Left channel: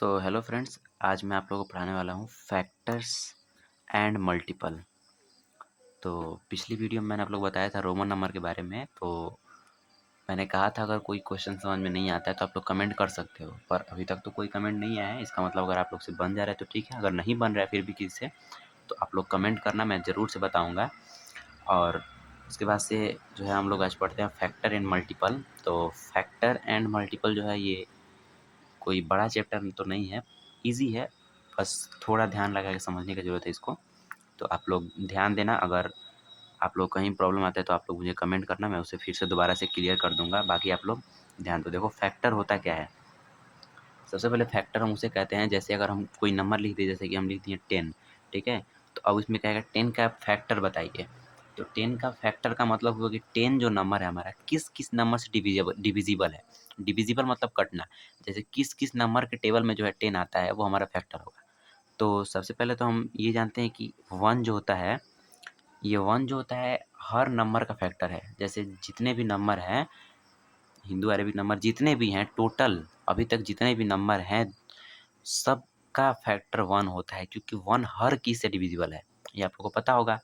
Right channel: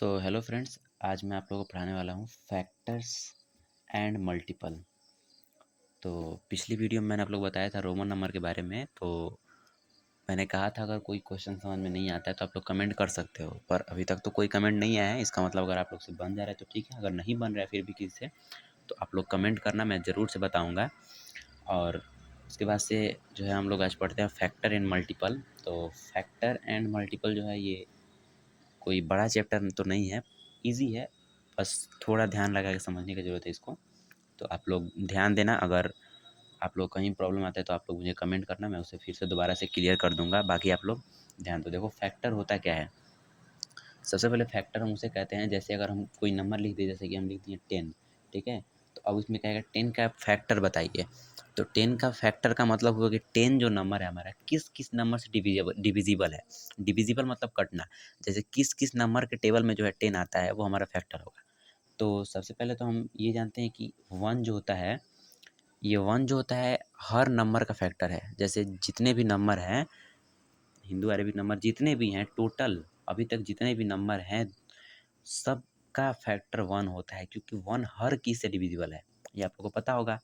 Hello friends, आज मैं आप लोगों को पढ़ाने वाला हूँ फैक्टर्स एंड मल्टीपल। तो पिछली वीडियो में मैंने आप लोग को बताया था रोमन नंबर के बारे में। तो मैंने कहा था अगर कोई क्वेश्चन समझ में नहीं आता है तो आप लोग कमेंट कर सकते हो, पर अभी तक तो कोई कमेंट नहीं आया है। इसका मतलब अगर आप लोग से बन जा रहा है तो ठीक है, अगर नहीं बन रहा है फिर भी किसी से तो आप लोग कमेंट करना, मैं ज़रूर से बताऊँगा। और उसके बाद से जो है हम लोग आज पढ़ते हैं फैक्टर एंड मल्टीपल। तो फैक्टर एंड मल्टीपल जो है ये कोई बड़ा चैप्टर तो नहीं है, ईज़ी है, बस थोड़ा ध्यान लगा के समझने की ज़रूरत है इसको। तो आप लोग ध्यान देना, अगर आप लोग कहीं प्रॉब्लम आता है तो आप लोग मुझे कमेंट करना, मैं उसे फिर से दोबारा से क्लियर कर दूँगा। बाकी आप लोग ध्यान दो। देखो फैक्टर होता क्या है? सबसे पहले फैक्टर हम उसे कहते हैं, जैसे अगर हम कोई नंबर लिख दें, जैसे कि हम लिख दिए 10, ठीक है? तो अब इसमें क्या है, 10 का फैक्टर बताइए। तो 10 का फैक्टर का मतलब हुआ कि 10 जो नंबर है हमारा किस-किस नंबर से डिविज़िबल है। डिविज़िबल मतलब कटना। जैसे किस-किस नंबर के टेबल में जो है 10 आता है वो हमारा फैक्टर होगा। तो सबसे पहले तो हम ये जानते हैं कि 1 जो होता है, ये 1 जो होता है हर नंबर का फैक्टर है। जैसे जितने भी नंबर हैं, हिंदू अरेबिक नंबर जितने भी हैं टोटल, अभी तक जितने भी नंबर हैं सबका फैक्टर 1 होता है, क्योंकि 1 हर की से डिविजिबल है। ये आप लोगों को पता होगा,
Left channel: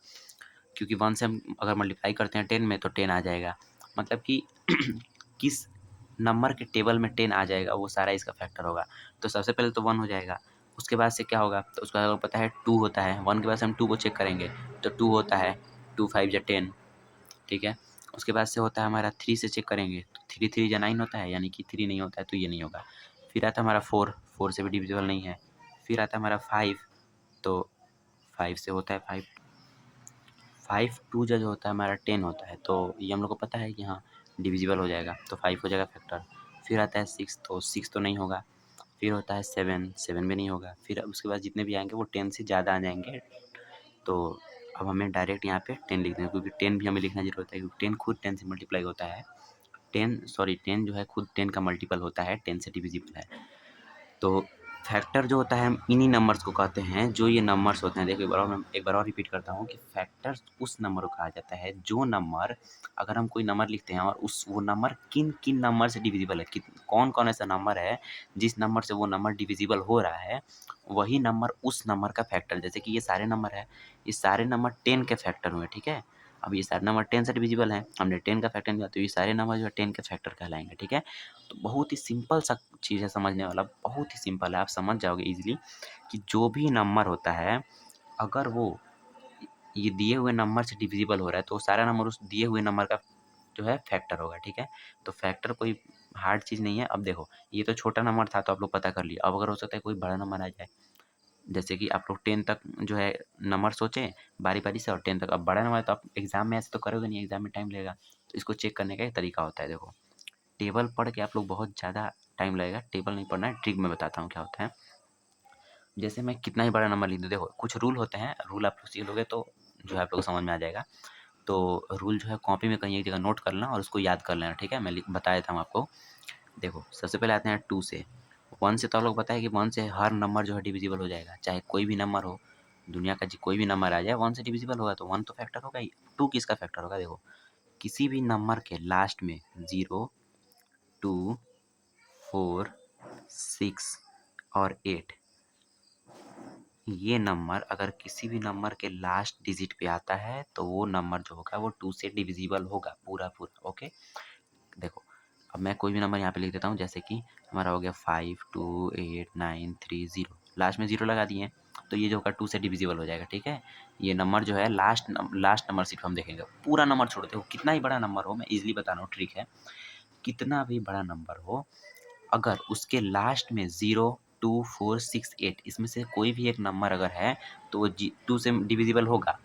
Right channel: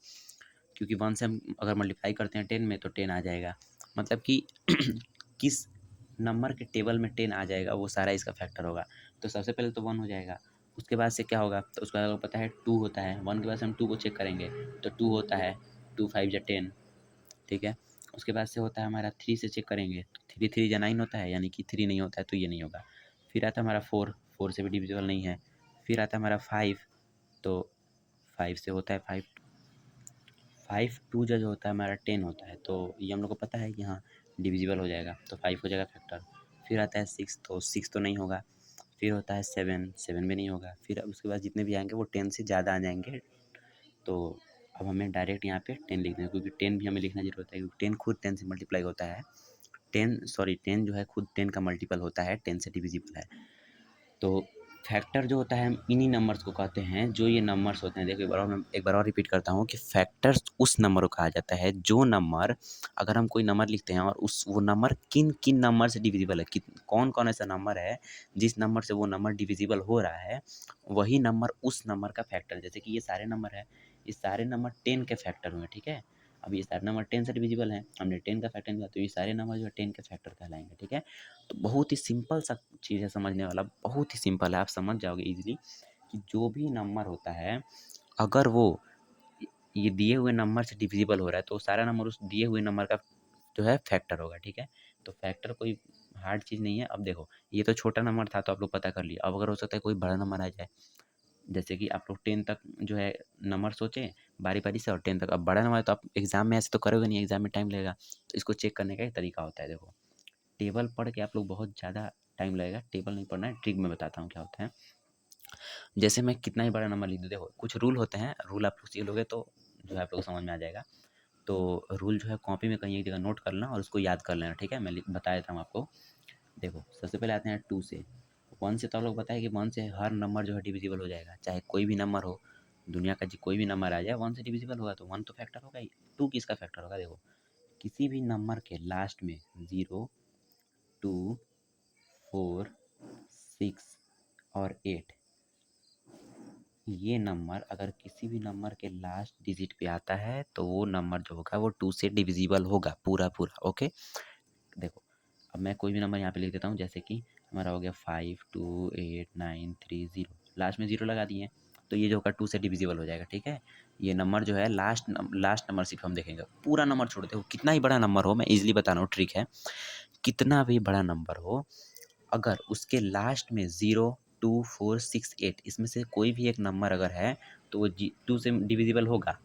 क्योंकि 1 से हम अगर मल्टीप्लाई करते हैं 10 में तो 10 आ जाएगा। मतलब कि किस नंबर के टेबल में 10 आ जाएगा वो सारा इसका फैक्टर होगा। तो सबसे पहले तो 1 हो जाएगा, उसके बाद से क्या होगा, तो उसके बाद हमें पता है 2 होता है। 1 के बाद से हम 2 को चेक करेंगे तो 2 होता है, 2 5 जा 10, ठीक है। उसके बाद से होता है हमारा 3 से चेक करेंगे तो 3 3 जा 9 होता है, यानी कि 3 नहीं होता है तो ये नहीं होगा। फिर आता है हमारा 4, 4 से भी डिविजिबल नहीं है। फिर आता है हमारा 5, तो 5 से होता है 5, 5 2 जो होता है हमारा 10 होता है, तो ये हम लोग को पता है कि हाँ डिविजिबल हो जाएगा, तो 5 हो जाएगा फैक्टर। फिर आता है 6, तो 6 तो नहीं होगा। फिर होता है 7, 7 भी नहीं होगा। फिर उसके बाद जितने भी आएंगे वो 10 से ज़्यादा आ जाएंगे। तो अब हमें डायरेक्ट यहाँ पे 10 लिख दें, क्योंकि 10 भी हमें लिखना ज़रूरत है, क्योंकि 10 खुद 10 से मल्टीप्लाई होता है। 10 जो है खुद 10 का मल्टीपल होता है, 10 से डिविजिबल है। तो फैक्टर जो होता है हम इन्हीं नंबर्स को कहते हैं, जो ये नंबर्स होते हैं। देखिए एक बार और रिपीट करता हूँ कि फैक्टर्स उस नंबर को कहा जाता है जो नंबर, अगर हम कोई नंबर लिखते हैं और उस वो नंबर किन किन नंबर से डिविजिबल है, कौन कौन ऐसा नंबर है जिस नंबर से वो नंबर डिविजिबल हो रहा है, वही नंबर उस नंबर का फैक्टर। जैसे कि ये सारे नंबर है, ये सारे नंबर 10 के फैक्टर हुए, ठीक है। अब ये सारे नंबर 10 से डिविजिबल हैं, हमने 10 का फैक्टर निकाला तो ये सारे नंबर जो है 10 के फैक्टर कहलाएंगे, ठीक है। तो बहुत ही सिंपल सा चीज़ है समझने वाला, बहुत ही सिंपल है, आप समझ जाओगे ईज़िली कि जो भी नंबर होता है, अगर वो ये दिए हुए नंबर से डिविजिबल हो रहा है तो सारा नंबर उस दिए हुए नंबर का जो है फैक्टर होगा, ठीक है। तो फैक्टर कोई हार्ड चीज़ नहीं है। अब देखो ये तो छोटा नंबर था तो आप लोग पता कर लिए, अब अगर हो सकता है कोई बड़ा नंबर आ जाए, जैसे कि आप लोग 10 तक जो है नंबर सोचें बारी-बारी से, और 10 तक अब बड़ा नंबर है तो आप एग्ज़ाम में ऐसे तो करोगे नहीं, एग्ज़ाम में टाइम लगेगा। तो इसको चेक करने का एक तरीका होता है। देखो टेबल पढ़ के आप लोग बहुत ज़्यादा टाइम लगेगा, टेबल नहीं पढ़ना है, ट्रिक में बताता हूँ क्या होता है। जैसे मैं कितना ही बड़ा नंबर लिख दूँ, देखो कुछ रूल होते हैं, रूल आप लोग सीख लोगे तो जो है आप लोग को समझ में आ जाएगा। तो रूल जो है कॉपी में कहीं एक जगह नोट कर लेना और उसको याद कर लेना, ठीक है। मैं बता देता हूँ आपको। देखो सबसे पहले आते हैं 2 से। 1 से तो आप लोग पता है कि 1 से हर नंबर जो है डिविजिबल हो जाएगा, चाहे कोई भी नंबर हो, दुनिया का जी कोई भी नंबर आ जाए 1 से डिविजिबल होगा, तो 1 तो फैक्टर होगा ही। 2 किसका फैक्टर होगा, देखो किसी भी नंबर के लास्ट में 0, 2, 4, 6 और 8, ये नंबर अगर किसी भी नंबर के लास्ट डिजिट पे आता है तो वो नंबर जो होगा वो 2 से डिविजिबल होगा पूरा पूरा, ओके। देखो अब मैं कोई भी नंबर यहाँ पे लिख देता हूँ, जैसे कि हमारा हो गया 5 2 8 9 3 0, लास्ट में 0 लगा दिए तो ये जो होगा 2 से डिविजिबल हो जाएगा, ठीक है। ये नंबर जो है लास्ट नंबर सिर्फ हम देखेंगे, पूरा नंबर छोड़ दे, कितना ही बड़ा नंबर हो, मैं इजीली बता रहा हूँ, ट्रिक है। कितना भी बड़ा नंबर हो, अगर उसके लास्ट में 0 2 4 6 8 इसमें से कोई भी एक नंबर अगर है तो वो 2 से डिविजिबल होगा,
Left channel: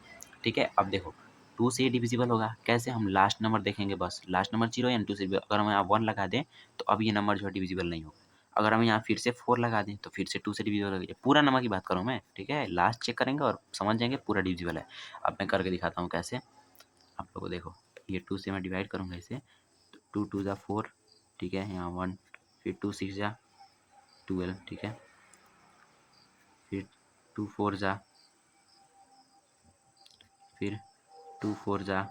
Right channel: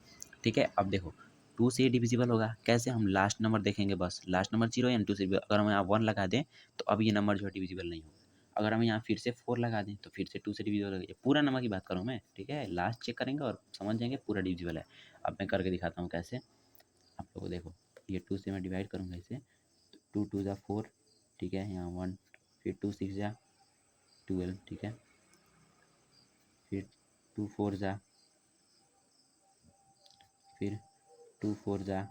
ठीक है। अब देखो 2 से ही डिविजिबल होगा कैसे, हम लास्ट नंबर देखेंगे, बस लास्ट नंबर 0 या 2 से, अगर हम यहाँ 1 लगा दें तो अब ये नंबर जो है डिविजिबल नहीं होगा। अगर हम यहाँ फिर से 4 लगा दें तो फिर से 2 से डिविजिबल हो गया। पूरा नंबर की बात करूँ मैं, ठीक है। लास्ट चेक करेंगे और समझ जाएंगे पूरा डिविजिबल है। अब मैं करके दिखाता हूँ कैसे, आप लोगों को देखो, ये 2 से मैं डिवाइड करूँगा इसे, तो 2 2 जा 4, ठीक है, यहाँ 1, फिर 2 6 जा 12, ठीक है, फिर 2 4 जा, फिर 2 4 जा,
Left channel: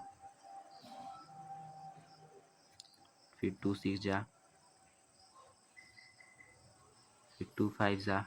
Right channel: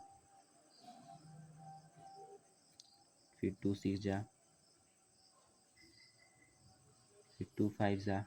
फिर 2 6 जा, फिर 2 5 जा,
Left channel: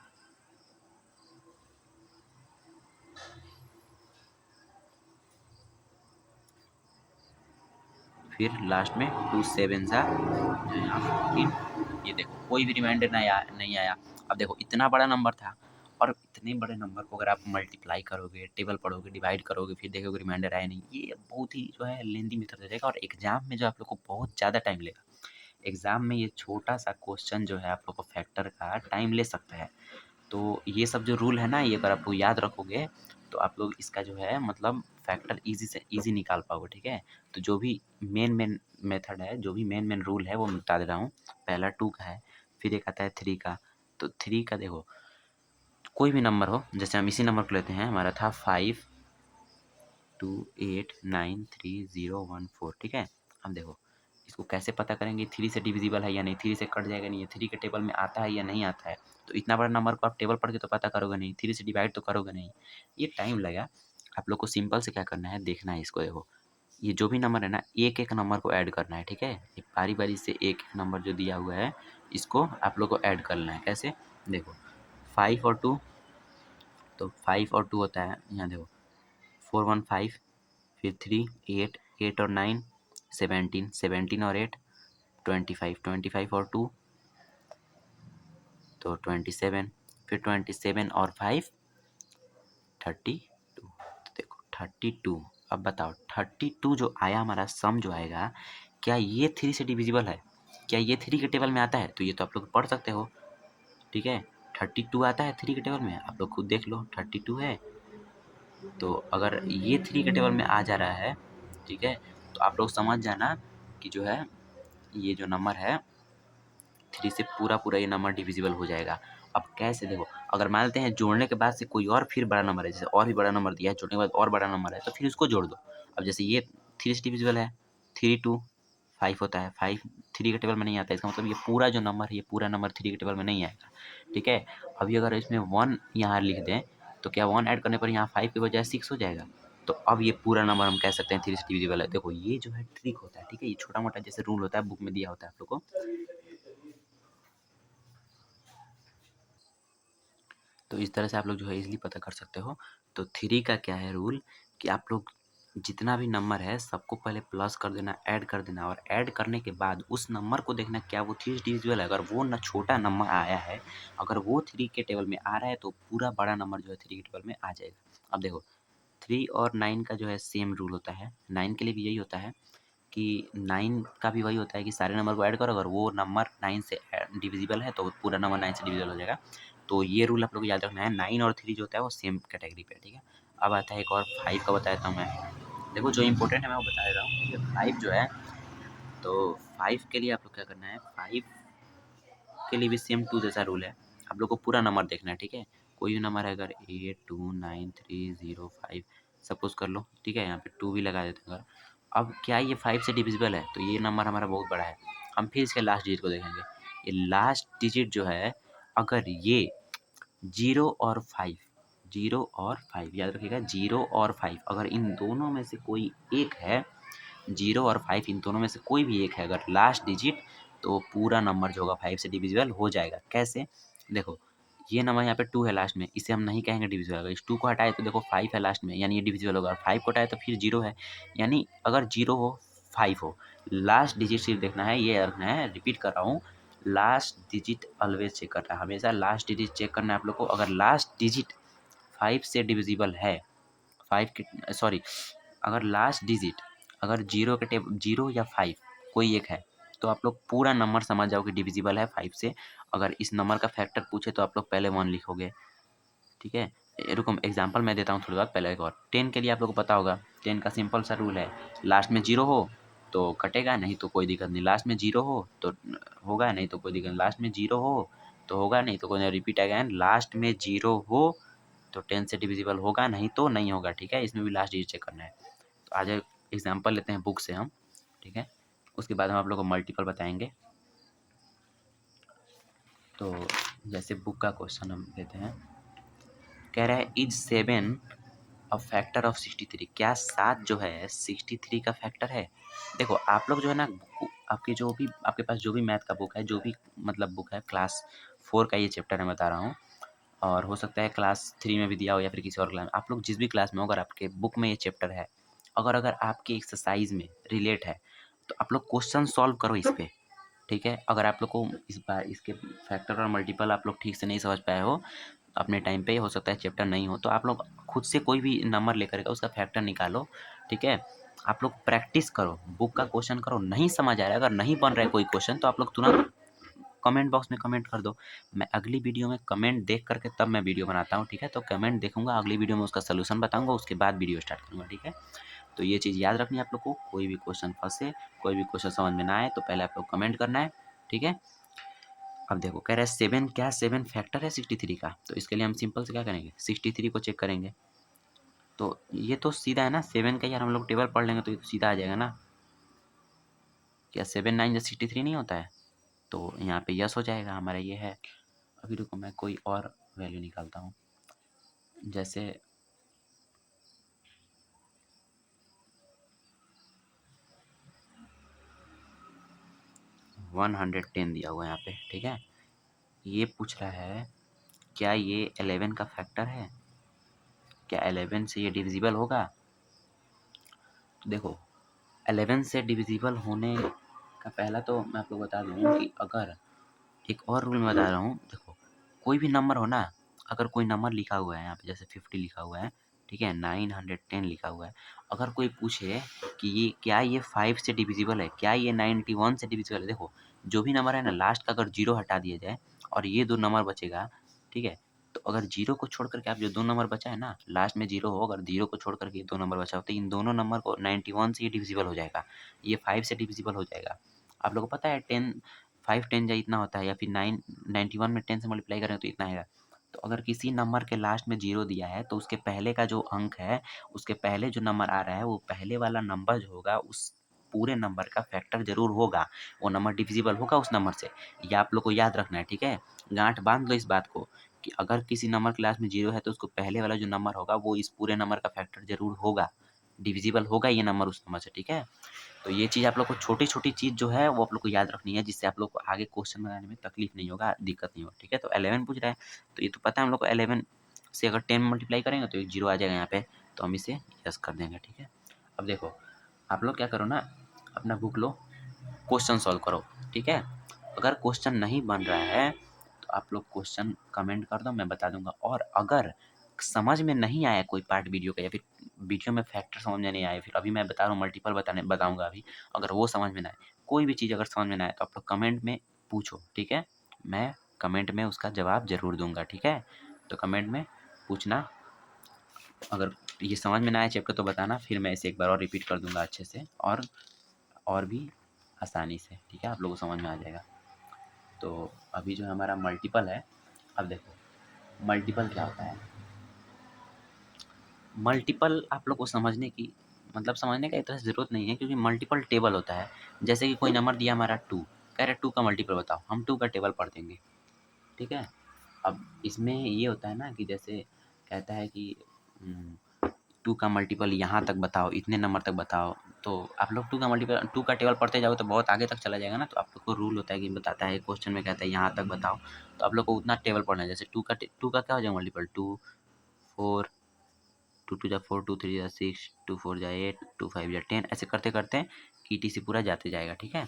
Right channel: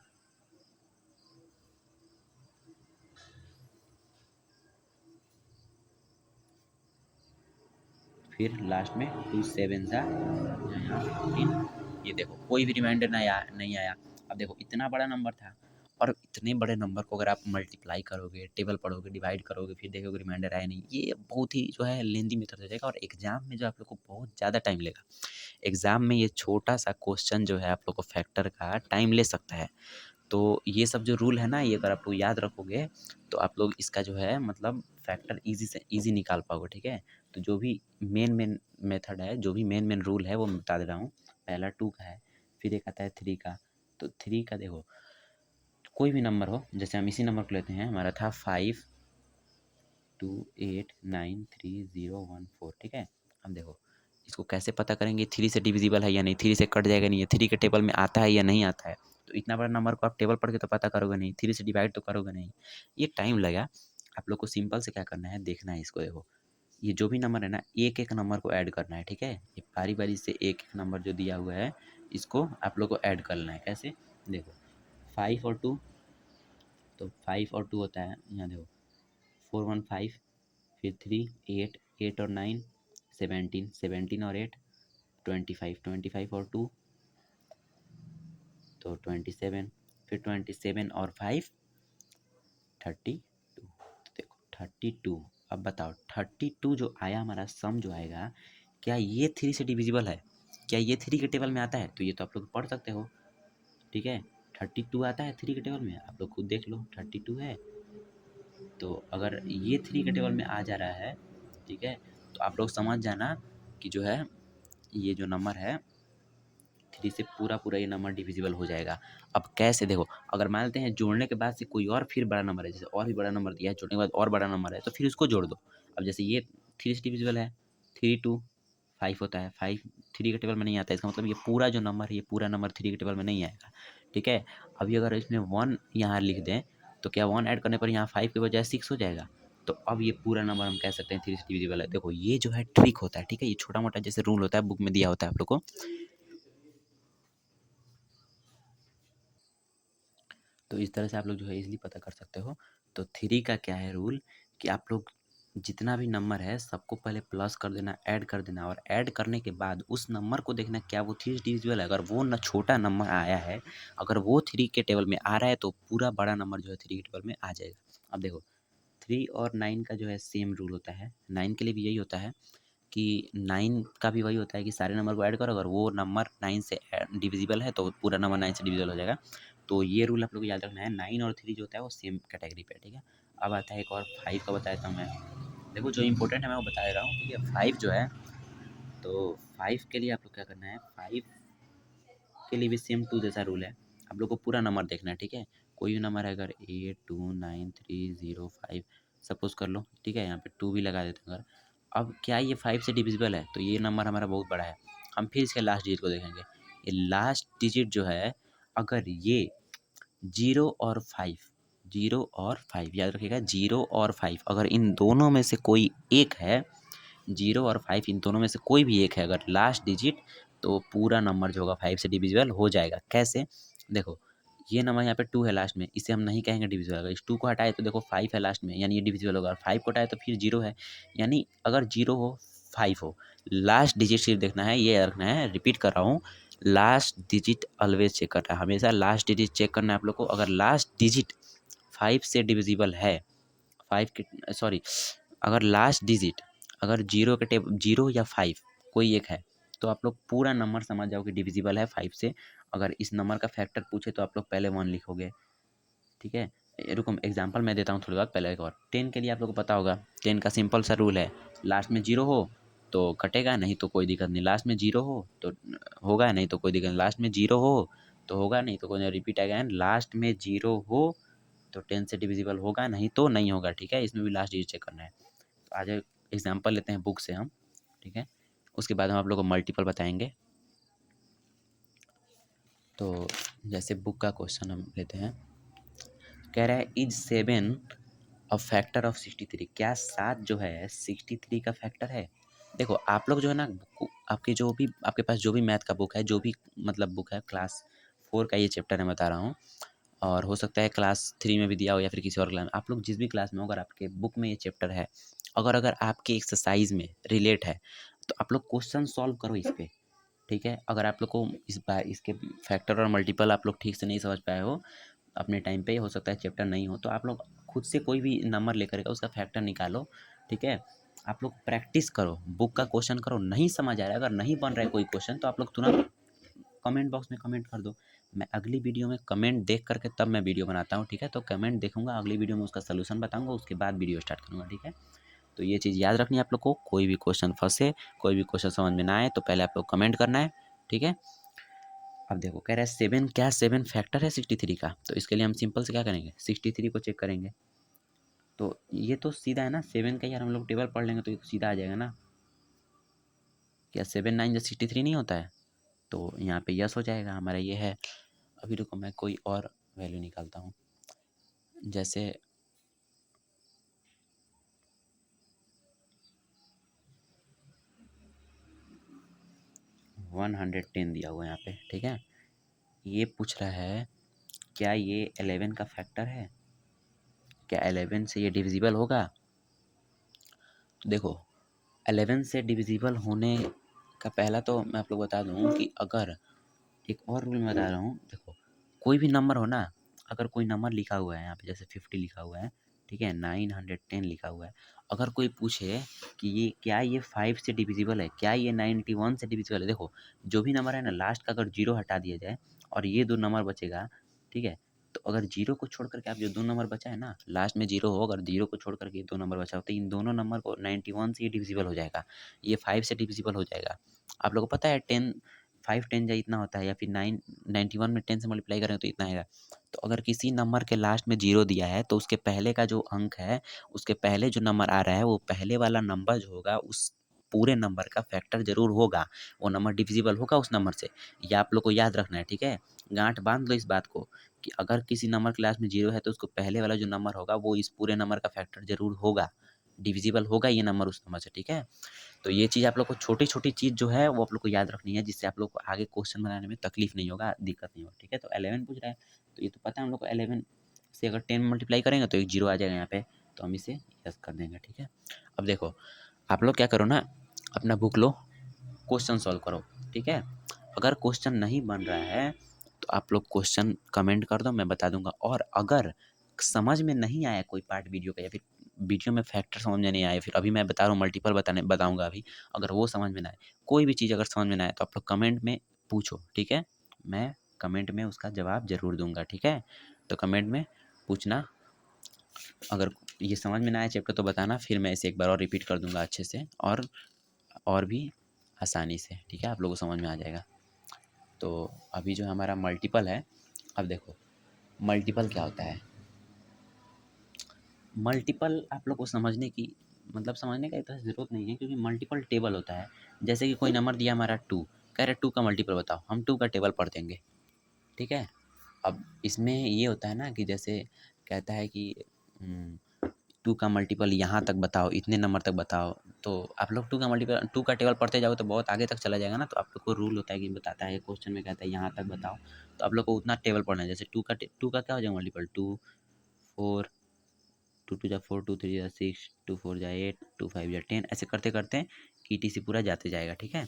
फिर लास्ट में 2 7 जा जो यहाँ 14। ये देखो कोई भी रिमाइंडर नहीं आया। अब देखो इतना बड़ा नंबर था और इतने बड़े नंबर को अगर आप मल्टीप्लाई करोगे, टेबल पढ़ोगे, डिवाइड करोगे, फिर देखोगे रिमाइंडर आया नहीं, ये बहुत ही जो है लेंदी मेथड हो जाएगा और एग्जाम में जो आप लोग को बहुत ज़्यादा टाइम लेगा। एग्जाम में ये छोटा सा क्वेश्चन जो है आप लोग को फैक्टर का टाइम ले सकता है। तो ये सब जो रूल है ना, ये अगर आप लोग याद रखोगे तो आप लोग इसका जो है मतलब फैक्टर ईज़ी से ईज़ी निकाल पाओगे, ठीक है? तो जो भी मेन मेथड है, जो भी मेन रूल है वो मैं बता दे रहा हूँ। पहला 2 का है, फिर एक आता है 3 का। तो 3 का देखो कोई भी नंबर हो, जैसे हम इसी नंबर को लेते हैं, हमारा था 5 2 8 9 3 0 1 4, ठीक है? अब देखो इसको कैसे पता करेंगे 3 से डिविजिबल है या नहीं, 3 से कट जाएगा नहीं, 3 के टेबल में आता है या नहीं आता है। तो इतना बड़ा नंबर को आप टेबल पढ़ के तो पता करोगे नहीं, 3 से डिवाइड तो करोगे नहीं, ये टाइम लगेगा। आप लोग को सिंपल से क्या करना है, देखना है इसको। देखो ये जो भी नंबर है ना, एक नंबर को ऐड करना है, ठीक है? ये बारी-बारी से एक नंबर जो दिया हुआ है, इसको आप लोग को ऐड करना है। कैसे? देखो 5 और 2, तो 5 और 2 होता है, यहाँ देखो 4 1 5, फिर 3 8 8 और 9 17 17 और 8 25 25 और 2 तो 27, फिर 27 और 5 32। तो देखो 32। अब बताओ 32 जो आया हमारा सम जो आएगा, क्या ये 3 से डिविजिबल है? क्या ये 3 के टेबल में आता है? तो ये तो आप लोग पढ़ सकते हो, ठीक है? 32 आता है 3 के टेबल में, आप लोग खुद देख लो 32 है। तो अगर ये 3 के टेबल में आ जा रहा है, ठीक है? तो आप लोग समझ जाना कि जो है ये जो नंबर है 3 से पूरा ये नंबर डिविजिबल हो जाएगा। अब कैसे देखो, अगर मान लेते हैं जोड़ने के बाद से कोई और फिर बड़ा नंबर है, जैसे और भी बड़ा नंबर दिया है, जोड़ने के बाद और बड़ा नंबर है, तो फिर उसको जोड़ दो। अब जैसे ये 3 से डिविजिबल है, 3 2 5 होता है, 5 3 के टेबल में नहीं आता है, इसका मतलब ये पूरा जो नंबर है, ये पूरा नंबर 3 के टेबल में नहीं आएगा, ठीक है? अभी अगर इसमें 1 यहाँ लिख दें, तो क्या 1 ऐड करने पर यहाँ 5 की बजाय 6 हो जाएगा? तो अब ये पूरा नंबर हम कह सकते हैं 3 से डिविजिबल है। देखो ये जो है ट्रिक होता है, ठीक है? ये छोटा-मोटा जैसे रूल होता है, बुक में दिया होता है आप लोग को। तो इस तरह से आप लोग जो है ईज़िली पता कर सकते हो। तो 3 का क्या है रूल कि आप लोग जितना भी नंबर है सबको पहले प्लस कर देना, ऐड कर देना और ऐड करने के बाद उस नंबर को देखना क्या वो 3 डिविजिबल है। अगर वो ना छोटा नंबर आया है, अगर वो 3 के टेबल में आ रहा है तो पूरा बड़ा नंबर जो है 3 के टेबल में आ जाएगा। अब देखो 3 और 9 का जो है सेम रूल होता है। 9 के लिए भी यही होता है कि 9 का भी वही होता है कि सारे नंबर को ऐड करो, अगर वो नंबर 9 से डिविजिबल है तो पूरा नंबर 9 से डिविजिबल हो जाएगा। तो ये रूल आप लोग को याद रखना है। 9 और 3 जो होता है वो सेम कैटेगरी पे है, ठीक है? अब आता है एक और 5 का बता देता हूँ मैं। देखो जो इम्पोर्टेंट है मैं वो बता दे रहा हूँ, ठीक है? 5 जो है, तो 5 के लिए आप लोग क्या करना है, 5 के लिए भी सेम 2 जैसा रूल है। आप लोग को पूरा नंबर देखना है, ठीक है? कोई भी नंबर है, अगर 8 2 9 3 0 5 सपोज़ कर लो, ठीक है? यहाँ पे 2 भी लगा देते हैं अगर। अब क्या ये 5 से डिविजिबल है? तो ये नंबर हमारा बहुत बड़ा है। हम फिर इसके लास्ट डिजिट को देखेंगे। ये लास्ट डिजिट जो है, अगर ये 0 और 5, 0 और 5 याद रखिएगा, 0 और 5 अगर इन दोनों में से कोई एक है, 0 और 5 इन दोनों में से कोई भी एक है अगर लास्ट डिजिट, तो पूरा नंबर जो होगा 5 से डिविजिबल हो जाएगा। कैसे? देखो ये नंबर यहाँ पे 2 है लास्ट में, इसे हम नहीं कहेंगे डिविजिबल। अगर इस 2 को हटाए तो देखो 5 है लास्ट में, यानी ये डिविजिबल होगा। और 5 को हटाए तो फिर 0 है, यानी अगर 0 हो 5 हो, लास्ट डिजिट सिर्फ देखना है, ये रखना है। रिपीट कर रहा हूँ, लास्ट डिजिट ऑलवेज चेक करना है, हमेशा लास्ट डिजिट चेक करना है आप लोग को। अगर लास्ट डिजिट 5 से डिविजिबल है, 5 की सॉरी, अगर लास्ट डिजिट अगर 0 के टेब 0 या 5 कोई एक है, तो आप लोग पूरा नंबर समझ जाओ कि डिविजिबल है 5 से। अगर इस नंबर का फैक्टर पूछे तो आप लोग पहले 1 लिखोगे, ठीक है? रुको एग्जांपल मैं देता हूँ थोड़ी बात पहले। एक और 10 के लिए आप लोग को पता होगा, 10 का सिंपल सा रूल है, लास्ट में 0 हो तो कटेगा, नहीं तो कोई दिक्कत नहीं। लास्ट में 0 हो तो होगा, नहीं तो कोई दिक्कत नहीं। लास्ट में 0 हो तो होगा, नहीं तो कोई नहीं। रिपीट अगेन, लास्ट में 0 हो तो 10 से डिविजिबल होगा, नहीं तो नहीं होगा, ठीक है? इसमें भी लास्ट डिजिट चेक करना है। तो आज एग्जांपल लेते हैं बुक से हम, ठीक है? उसके बाद हम आप लोग को मल्टीपल बताएंगे। तो जैसे बुक का क्वेश्चन हम लेते हैं, कह रहा है इज 7 अ फैक्टर ऑफ 63? क्या 7 जो है 63 का फैक्टर है? देखो आप लोग जो है ना, आपकी जो भी आपके पास जो भी मैथ का बुक है, जो भी मतलब बुक है क्लास 4 का ये चैप्टर मैं बता रहा हूँ, और हो सकता है क्लास 3 में भी दिया हो या फिर किसी और क्लास में। आप लोग जिस भी क्लास में हो, अगर आपके बुक में ये चैप्टर है, अगर अगर आपकी एक्सरसाइज में रिलेट है, तो आप लोग क्वेश्चन सॉल्व करो इस पे, ठीक है। अगर आप लोग को इस बार इसके फैक्टर और मल्टीपल आप लोग ठीक से नहीं समझ पाए हो अपने टाइम पे, हो सकता है चैप्टर नहीं हो, तो आप लोग खुद से कोई भी नंबर लेकर के उसका फैक्टर निकालो, ठीक है। आप लोग प्रैक्टिस करो, बुक का क्वेश्चन करो। नहीं समझ आ रहा है, अगर नहीं बन रहा है कोई क्वेश्चन, तो आप लोग तुरंत कमेंट बॉक्स में कमेंट कर दो। मैं अगली वीडियो में कमेंट देख करके तब मैं वीडियो बनाता हूँ, ठीक है। तो कमेंट देखूंगा, अगली वीडियो में उसका सोल्यूशन बताऊंगा, उसके बाद वीडियो स्टार्ट करूँगा, ठीक है। तो ये चीज़ याद रखनी है आप लोग को। कोई भी क्वेश्चन फंसे, कोई भी क्वेश्चन समझ में ना आए, तो पहले आप लोग कमेंट करना है, ठीक है। अब देखो कह रहा है 7, क्या 7 फैक्टर है 63 का? तो इसके लिए हम सिंपल से क्या करेंगे, 63 को चेक करेंगे। तो ये तो सीधा है ना, 7 का यार हम लोग टेबल पढ़ लेंगे तो ये तो सीधा आ जाएगा ना। क्या 7 9 63 नहीं होता है? तो यहाँ पे यस हो जाएगा हमारा, ये है। अभी रुको मैं कोई और वैल्यू निकालता हूँ, जैसे 110 दिया हुआ है यहाँ पे, ठीक है। ये पूछ रहा है क्या ये 11 का फैक्टर है, क्या 11 से ये डिविजिबल होगा? तो देखो 11 से डिविजिबल होने का पहला तो मैं आप लोग बता दूँ कि अगर एक और रूल मैं बता रहा हूँ, देखो कोई भी नंबर हो ना, अगर कोई नंबर लिखा हुआ है यहाँ पे, जैसे 50 लिखा हुआ है, ठीक है, 910 लिखा हुआ है, अगर कोई पूछे कि ये क्या ये 5 से डिविजिबल है, क्या ये 91 से डिविजिबल है, देखो जो भी नंबर है ना, लास्ट का अगर जीरो हटा दिया जाए और ये दो नंबर बचेगा, ठीक है। तो अगर जीरो को छोड़ करके आप जो दो नंबर बचा है ना, लास्ट में जीरो हो, अगर जीरो को छोड़ करके दो नंबर बचा हो, तो इन दोनों नंबर को 91 से ये डिविजिबल हो जाएगा, ये 5 से डिविजिबल हो जाएगा। आप लोगों को पता है 10 5 10 जा इतना होता है, या फिर 91 में 10 से मल्टीप्लाई करें तो इतना आएगा। तो अगर किसी नंबर के लास्ट में जीरो दिया है, तो उसके पहले का जो अंक है, उसके पहले जो नंबर आ रहा है, वो पहले वाला नंबर जो होगा उस पूरे नंबर का फैक्टर जरूर होगा, वो नंबर डिविजिबल होगा उस नंबर से। ये आप लोग को याद रखना है, ठीक है। गांठ बांध लो इस बात को कि अगर किसी नंबर के लास्ट में जीरो है, तो उसको पहले वाला जो नंबर होगा वो इस पूरे नंबर का फैक्टर जरूर होगा, डिविजिबल होगा ये नंबर उस नंबर से, ठीक है। तो ये चीज़ आप लोग को छोटी-छोटी चीज़ जो है वो आप लोग को याद रखनी है, जिससे आप लोग को आगे क्वेश्चन बनाने में तकलीफ नहीं होगा, दिक्कत नहीं होगा, ठीक है। तो 11 पूछ रहा है, तो ये तो पता है हम लोग को 11 से अगर 10 मल्टीप्लाई करेंगे तो एक जीरो आ जाएगा यहाँ पे, तो हम इसे यस कर देंगे, ठीक है। अब देखो आप लोग क्या करो ना, अपना बुक लो, क्वेश्चन सॉल्व करो, ठीक है। अगर क्वेश्चन नहीं बन रहा है, तो आप लोग क्वेश्चन कमेंट कर दो, मैं बता दूंगा। और अगर समझ में नहीं आया कोई पार्ट वीडियो का, या फिर वीडियो में फैक्टर समझ में नहीं आए, फिर अभी मैं बता रहा हूँ मल्टीपल बताऊंगा अभी, अगर वो समझ में ना आए, कोई भी चीज़ अगर समझ में ना आए, तो आप लोग कमेंट में पूछो, ठीक है। मैं कमेंट में उसका जवाब ज़रूर दूंगा, ठीक है। तो कमेंट में पूछना, अगर ये समझ में ना आए चैप्टर तो बताना, फिर मैं इसे एक बार और रिपीट कर दूंगा अच्छे से, और भी आसानी से, ठीक है, आप लोगों को समझ में आ जाएगा। तो अभी जो हमारा मल्टीपल है, अब देखो मल्टीपल क्या होता है। मल्टीपल आप लोग को समझने की, मतलब समझने का इतना ज़रूरत नहीं है, क्योंकि मल्टीपल टेबल होता है। जैसे कि कोई नंबर दिया हमारा 2, कह रहे 2 का मल्टीपल बताओ, हम 2 का टेबल पढ़ देंगे, ठीक है। अब इसमें ये होता है ना कि जैसे कहता है कि 2 का मल्टीपल यहाँ तक बताओ, इतने नंबर तक बताओ, तो आप लोग 2 का मल्टीपल 2 का टेबल पढ़ते जाओगे तो बहुत आगे तक चला जाएगा ना। तो आप लोग को रूल होता है कि बताता है, क्वेश्चन में कहता है यहाँ तक बताओ, तो आप लोग को उतना टेबल पढ़ना है। जैसे 2 का क्या हो जाएगा मल्टीपल, 2 4, 2 2 जा 4, 2 3 जा 6, 2 4 जा 8, 2 5 जा 10, ऐसे करते करते ईटीसी पूरा जाते जाएगा, ठीक है।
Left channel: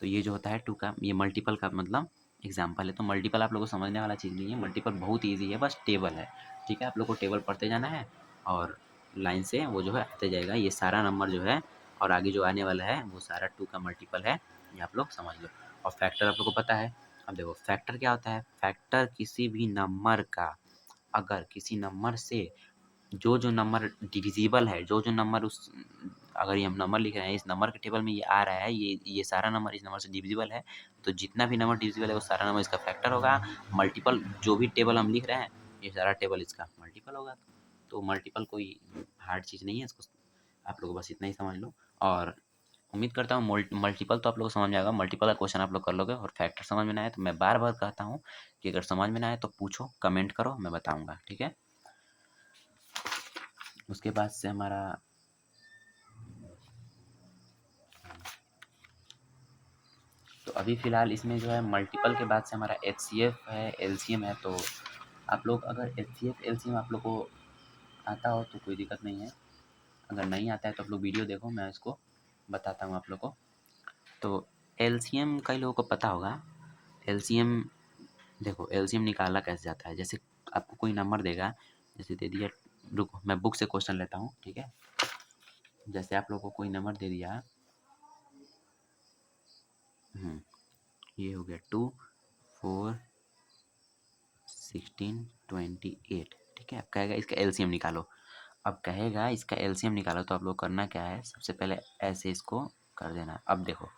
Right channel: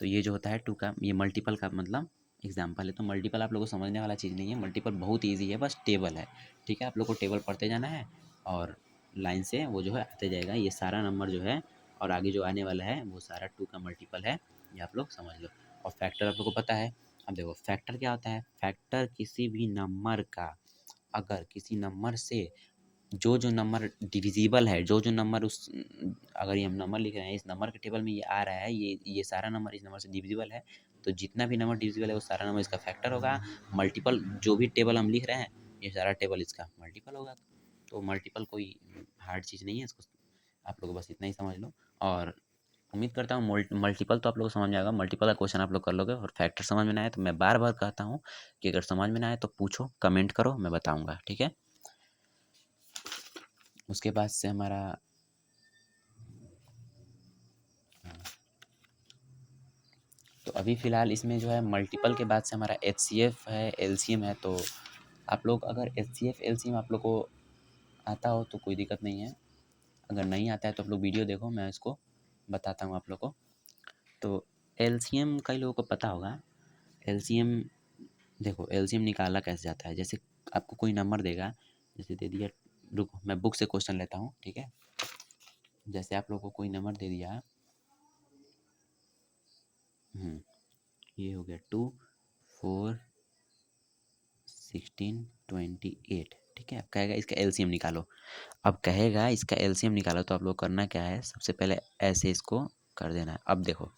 तो ये जो होता है 2 का, ये मल्टीपल का मतलब एग्जाम्पल है। तो मल्टीपल आप लोग को समझने वाला चीज़ नहीं है, मल्टीपल बहुत ईजी है, बस टेबल है, ठीक है। आप लोग को टेबल पढ़ते जाना है, और लाइन से वो जो है आते जाएगा, ये सारा नंबर जो है और आगे जो आने वाला है वो सारा 2 का मल्टीपल है, ये आप लोग समझ लो। और फैक्टर आप लोग को पता है। अब देखो फैक्टर क्या होता है, फैक्टर किसी भी नंबर का, अगर किसी नंबर से जो नंबर डिविजिबल है, जो नंबर उस, अगर ये हम नंबर लिख रहे हैं, इस नंबर के टेबल में ये आ रहा है, ये सारा नंबर इस नंबर से डिविजिबल है, तो जितना भी नंबर डिविजिबल है वो सारा नंबर इसका फैक्टर होगा। मल्टीपल जो भी टेबल हम लिख रहे हैं, ये सारा टेबल इसका मल्टीपल होगा। तो मल्टीपल कोई हार्ड चीज़ नहीं है, इसको आप लोग बस इतना ही समझ लो। और उम्मीद करता हूँ मल्टीपल तो आप लोग को समझ में आएगा, मल्टीपल का क्वेश्चन आप लोग कर लोगे। और फैक्टर समझ में ना आए तो मैं बार बार कहता हूँ कि अगर समझ में ना आए तो पूछो, कमेंट करो, मैं बताऊँगा, ठीक है। उसके बाद से हमारा तो अभी फ़िलहाल इसमें जो है मल्टीपल के बाद से हमारा एचसीएफ है, एलसीएम है। तो आप लोग अगर एचसीएफ एलसीएम आप लोग को आता हो तो कोई दिक्कत नहीं है, अगर नहीं आता है तो आप लोग वीडियो देखो, मैं इसको बताता हूँ आप लोग को। तो एलसीएम कई लोगों को पता होगा। एलसीएम देखो, एलसीएम निकाला कैसे जाता है। जैसे आपको कोई नंबर देगा, जैसे दे दिया, रुको मैं बुक से क्वेश्चन लेता हूँ, ठीक है। जैसे आप लोग को कोई नंबर दे दिया, ये हो गया 2, 4, 16, 28, ठीक है। अब कहेगा इसका एलसीएम निकालो। अब कहेगा इसका एलसीएम निकालो, तो आप लोग करना क्या है, सबसे पहले ऐसे इसको कर देना है। अब देखो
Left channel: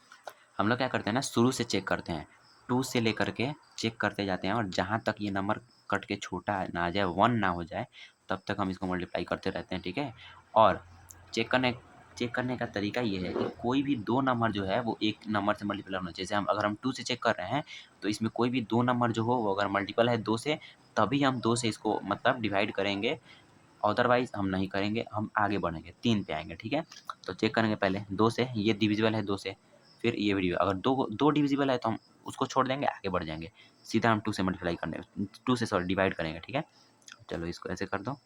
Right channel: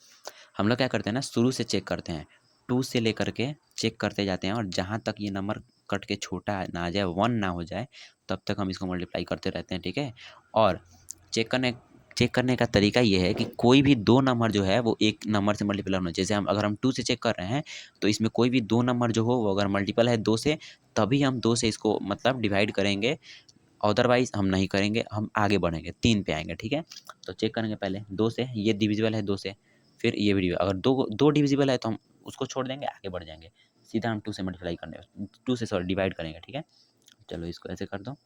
हम लोग क्या करते हैं ना, शुरू से चेक करते हैं, 2 से लेकर के चेक करते जाते हैं, और जहाँ तक ये नंबर कट के छोटा ना आ जाए, 1 ना हो जाए, तब तक हम इसको मल्टीप्लाई करते रहते हैं, ठीक है। और चेक करने का तरीका ये है कि कोई भी दो नंबर जो है वो एक नंबर से मल्टीप्लाई होना चाहिए। जैसे हम अगर हम 2 से चेक कर रहे हैं, तो इसमें कोई भी दो नंबर जो हो वो अगर मल्टीपल है 2 से, तभी हम 2 से इसको मतलब डिवाइड करेंगे, अदरवाइज़ हम नहीं करेंगे, हम आगे बढ़ेंगे, 3 पे आएँगे, ठीक है। तो चेक करेंगे पहले 2 से, ये डिविजिबल है 2 से, फिर ये भी डिविजिबल, अगर 2 डिविजिबल है तो हम उसको छोड़ देंगे, आगे बढ़ जाएँगे। सीधा हम 2 से मल्टीप्लाई करने 2 से सॉरी डिवाइड करेंगे, ठीक है। चलो इसको ऐसे कर दो,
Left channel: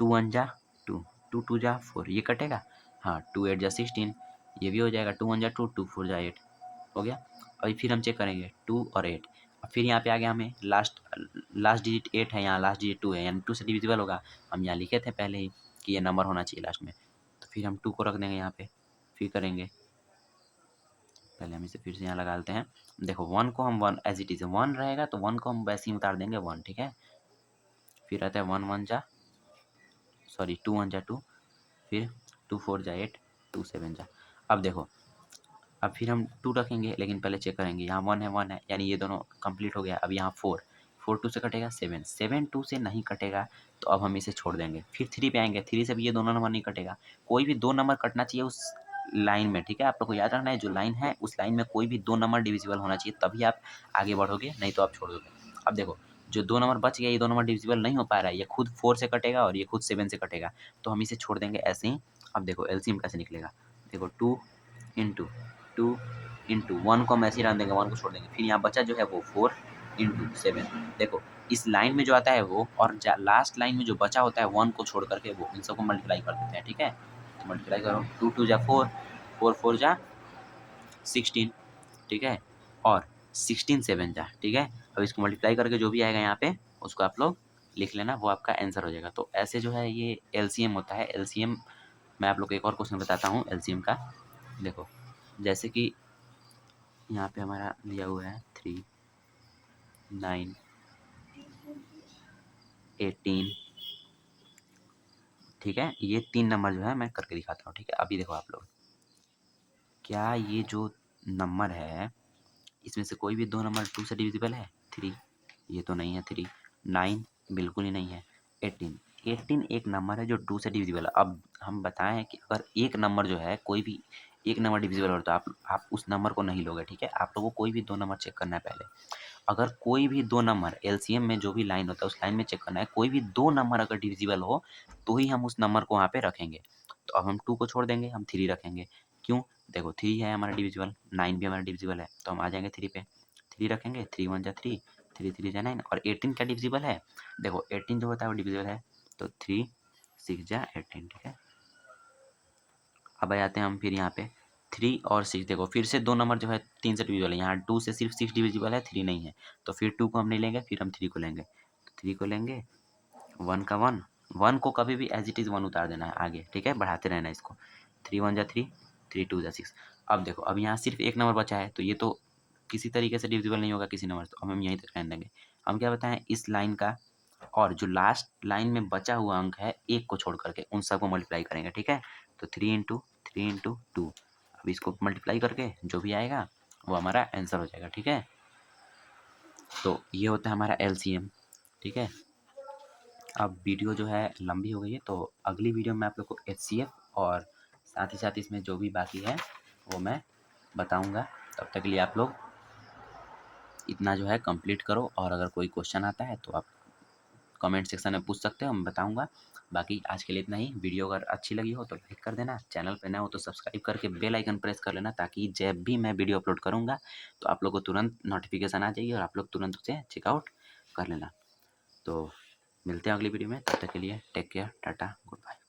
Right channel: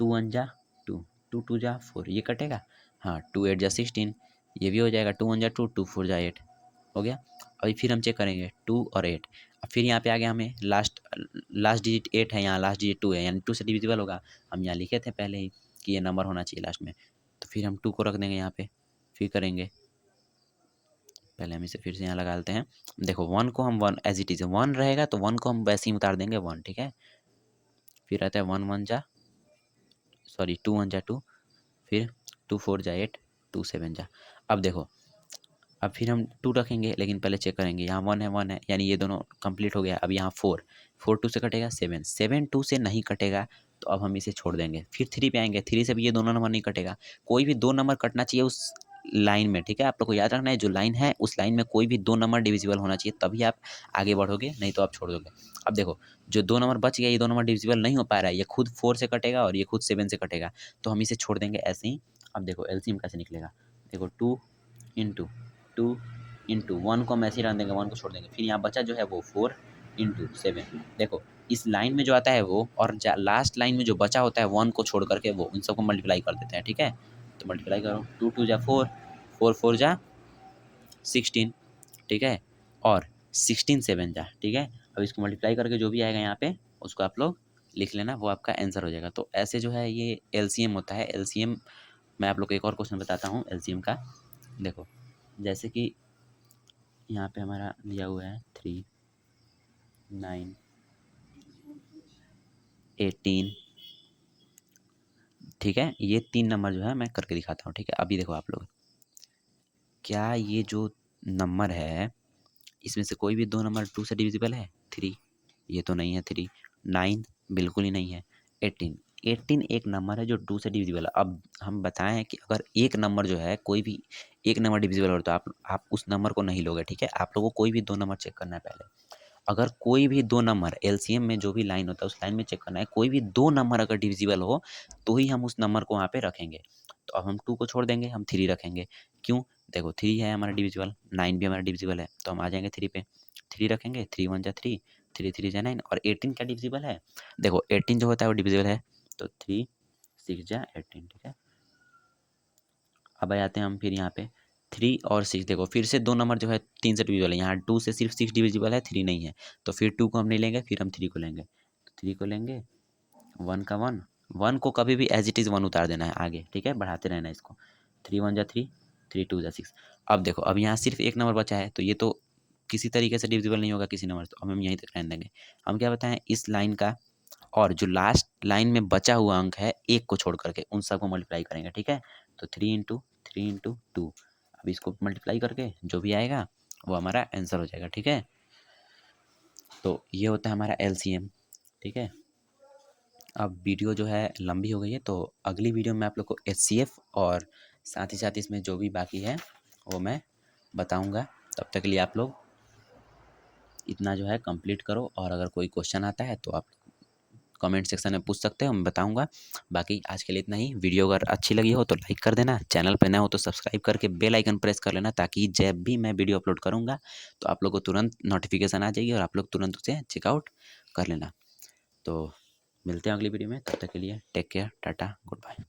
2 1 जा 2, 2 2 जा 4, ये कटेगा। हाँ, 2 8 जा 16, ये भी हो जाएगा। 2 1 जा 2, 2 4 जा 8, हो गया। अभी फिर हम चेक करेंगे 2 और 8। अब फिर यहाँ पे आ गया, हमें लास्ट लास्ट डिजिट 8 है, यहाँ लास्ट डिजिट 2 है, यानी 2 से डिविजिबल होगा। हम यहाँ लिखे थे पहले ही कि ये नंबर होना चाहिए लास्ट में, तो फिर हम 2 को रख देंगे यहाँ पे, फिर करेंगे। पहले हम इसे फिर से यहाँ लगा देते हैं। देखो 1 को हम 1 एज इट इज़ 1 रहेगा, तो 1 को हम वैसे ही उतार देंगे 1, ठीक है। फिर आता है 1 1 जा सॉरी 2 1 जा 2, फिर 2 4 जा 8, 2 7 जा। अब देखो, अब फिर हम 2 रखेंगे, लेकिन पहले चेक करेंगे, यहाँ 1 है, यानी ये दोनों कंप्लीट हो गया। अब यहाँ 4 4 2 से कटेगा, 7 7 2 से नहीं कटेगा, तो अब हम इसे छोड़ देंगे। फिर 3 पे आएंगे, 3 से भी ये दोनों नंबर नहीं कटेगा। कोई भी दो नंबर कटना चाहिए उस लाइन में, ठीक है। आप लोग को याद रखना है, जो लाइन है उस लाइन में कोई भी दो नंबर डिविजिबल होना चाहिए, तभी आप आगे बढ़ोगे, नहीं तो आप छोड़ दोगे। अब देखो, जो दो नंबर बच गया, ये दो नंबर डिविजिबल नहीं हो पा रहा है, ये खुद 4 से कटेगा और ये खुद 7 से कटेगा, तो हम इसे छोड़ देंगे ऐसे ही। अब देखो एलसीएम कैसे निकलेगा, देखो 2 इंटू 2 इंटू 1 को हम ऐसे ही रख देंगे, 1 को छोड़ देंगे। फिर यहाँ बचा जो है वो 4 इंटू 7। देखो इस लाइन में जो आता है वो, और लास्ट लाइन में जो बचा होता है 1 को छोड़ करके, वो इन सबको मल्टीप्लाई कर देते हैं, ठीक है। तो मल्टीप्लाई करो, 2 2 जा 4, 4 4 जा 16, ठीक है, और 16 7 जा, ठीक है। अब इसको मल्टीप्लाई करके जो भी आएगा यहाँ पे, उसको आप लोग लिख लेना, वो आपका आंसर हो जाएगा। तो ऐसे जो है ये एलसीएम होता है। एलसीएम मैं आप लोग को एक और क्वेश्चन बताता हूँ एलसीएम का। देखो जैसे कि यहाँ पे हमारा दिया हुआ है 3 9 18, ठीक है। ये 3 नंबर जो है मैं करके दिखाता हूँ, ठीक है। अभी देखो आप लोग, क्या ये जो नंबर है, इसमें से कोई भी दो नंबर 2 से डिविजिबल है? 3, ये तो नहीं है। 3 9 बिल्कुल ही नहीं है। 18 18 एक नंबर है जो 2 से डिविजिबल है। अब हम बताएं कि अगर एक नंबर जो है, कोई भी एक नंबर डिविजिबल हो, तो आप उस नंबर को नहीं लोगे, ठीक है। आप लोगों को कोई भी दो नंबर चेक करना है पहले। अगर कोई भी दो नंबर एलसीएम में जो भी लाइन होता है उस लाइन में चेक करना है, कोई भी दो नंबर अगर डिविजिबल हो, तो ही हम उस नंबर को वहाँ पे रखेंगे। तो अब हम 2 को छोड़ देंगे, हम 3 रखेंगे। क्यों? देखो 3 है हमारा डिविजिबल, 9 भी हमारा डिविजिबल है, तो हम आ जाएंगे 3 पे। 3 रखेंगे, 3 1 जा 3, 3 3 जा 9, और 18 क्या डिविजिबल है? देखो 18 जो होता है वो डिविजिबल है, तो 3 6 जा 18, ठीक है। अब आ जाते हैं हम फिर यहाँ पे 3 और 6। देखो फिर से दो नंबर जो है 3 से डिविजिबल है, यहाँ 2 से सिर्फ 6 डिविजिबल है, 3 नहीं है। तो फिर 2 को हम नहीं लेंगे, फिर हम 3 को लेंगे। 3 को लेंगे, 1 का 1, 1 को कभी भी एज इट इज़ 1 उतार देना है आगे, ठीक है, बढ़ाते रहना है इसको। 3 1 जा 3, 3 2 जा 6। अब देखो अब यहाँ सिर्फ एक नंबर बचा है, तो ये तो किसी तरीके से डिविजिबल नहीं होगा किसी नंबर से, तो अब हम यहीं तक रहने देंगे। हम क्या बताएं, इस लाइन का और जो लास्ट लाइन में बचा हुआ अंक है एक को छोड़ करके, उन सबको मल्टीप्लाई करेंगे, ठीक है। तो 3 इंटू 2, अब इसको मल्टीप्लाई करके जो भी आएगा वो हमारा आंसर हो जाएगा, ठीक है। तो ये होता है हमारा एलसीएम, ठीक है। अब वीडियो जो है लंबी हो गई है, तो अगली वीडियो में आप लोग को एचसीएफ और साथ ही साथ इसमें जो भी बाकी है वो मैं बताऊंगा। तब तक के लिए आप लोग इतना जो है कंप्लीट करो, और अगर कोई क्वेश्चन आता है तो आप कमेंट सेक्शन में पूछ सकते हो, मैं बताऊँगा। बाकी आज के लिए इतना ही। वीडियो अगर अच्छी लगी हो तो लाइक कर देना, चैनल पे नए हो तो सब्सक्राइब करके बेल आइकन प्रेस कर लेना, ताकि जब भी मैं वीडियो अपलोड करूँगा तो आप लोग को तुरंत नोटिफिकेशन आ जाएगी और आप लोग तुरंत उसे चेकआउट कर लेना। तो मिलते हैं अगली वीडियो में, तब तक के लिए टेक केयर, टाटा, गुड।